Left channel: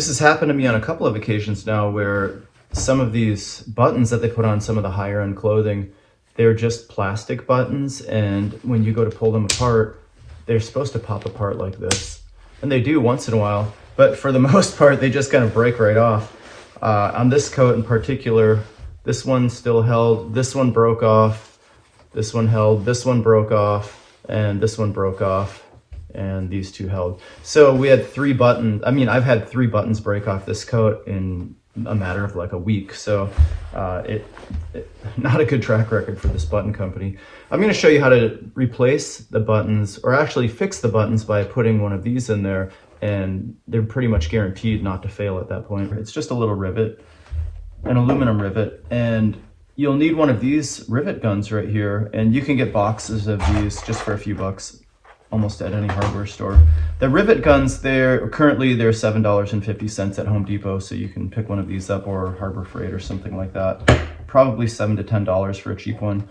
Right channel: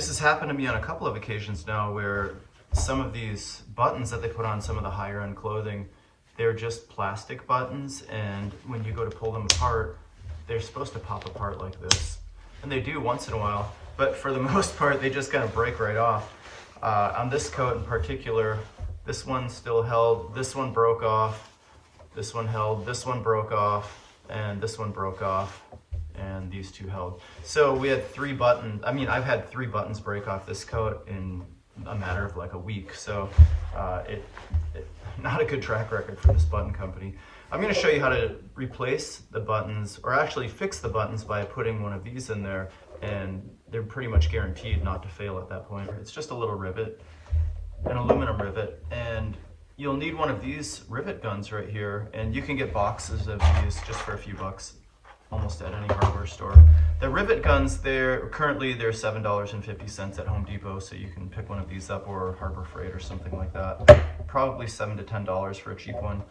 This has happened to me on a couple of occasions now where some of these buttons that they put on some of the higher end clothing, they're just plastic buttons, and when you go to pull them apart, they're supposed to pop apart like this. And they do once in a while, but for the most part, they just kind of break right off. On this coat in particular, this one still held, this one broke off, this one held, this one broke off, and this one broke off, and these two held. So we had 3 buttons. I mean, I've had 3 buttons break off this coat in a matter of like a week. So not a good track record for this button company. I'm going to show you how to replace the buttons, or actually fix the buttons, by putting one of these in there, and they're pretty much guaranteed not to fail at that point. It's just a little rivet, an aluminum rivet, and you'll need one of these rivet guns right here, and you can get boxes of these just for a few bucks almost at any hardware store. The rivet guns, currently they're $7.50 at Home Depot, so you can pick one of these up, or Harbor Freight or something like that. Probably $7 to $10 for a cheap one.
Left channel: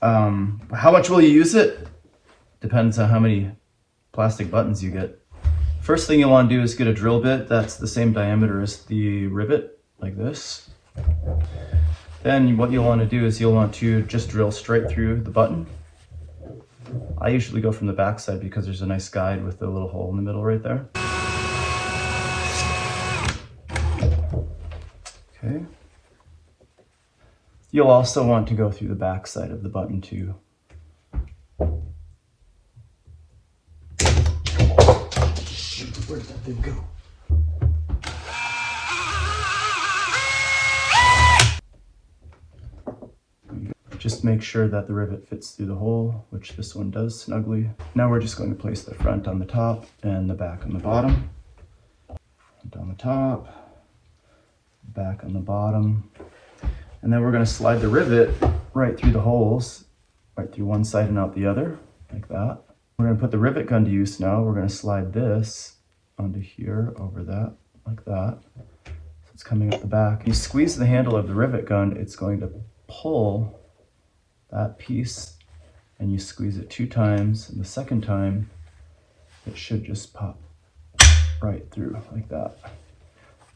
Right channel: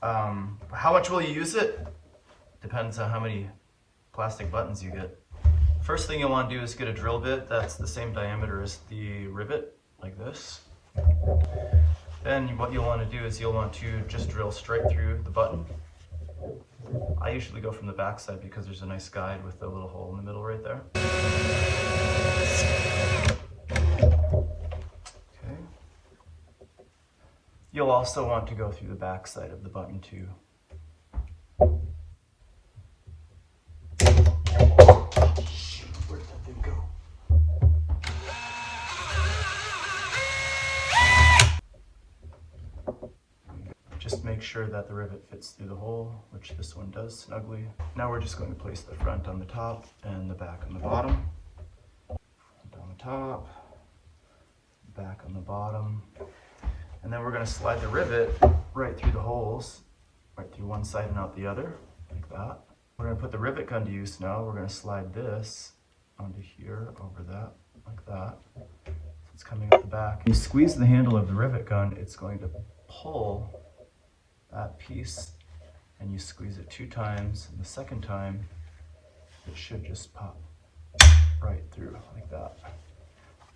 How much will you use it? Depends on how many plastic buttons you get. First thing you'll want to do is get a drill bit that's the same diameter as the rivet, like this. Then what you'll want to do is you'll want to just drill straight through the button. I usually go from the back side because there's a nice guide with a little hole in the middle right there. Okay. You'll also want to go through the back side of the button too. Shoot, where did that thing go? Just make sure that the rivet fits through the hole, which this one does snugly. Now we're just going to place the front on the top and the back on the bottom. Front on the top, back on the bottom. And then we're going to slide the rivet right through the holes, right through one side and out the other, like that. We're going to put the rivet gun to use now. We're going to slide this onto here, over that, like that. So it's coming up the back. You squeeze the handle of the rivet gun, it's going to pull that piece, and you squeeze it 2 times, and the second time it should just pop right through like that.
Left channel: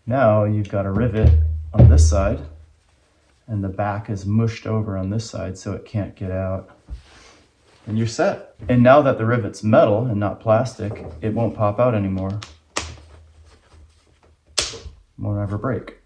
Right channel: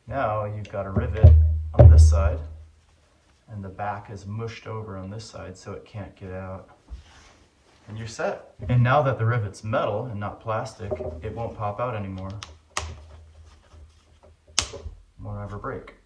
Now you've got a rivet on this side, and the back is mushed over on this side so it can't get out, and you're set. And now that the rivet's metal and not plastic, it won't pop out anymore. Won't ever break.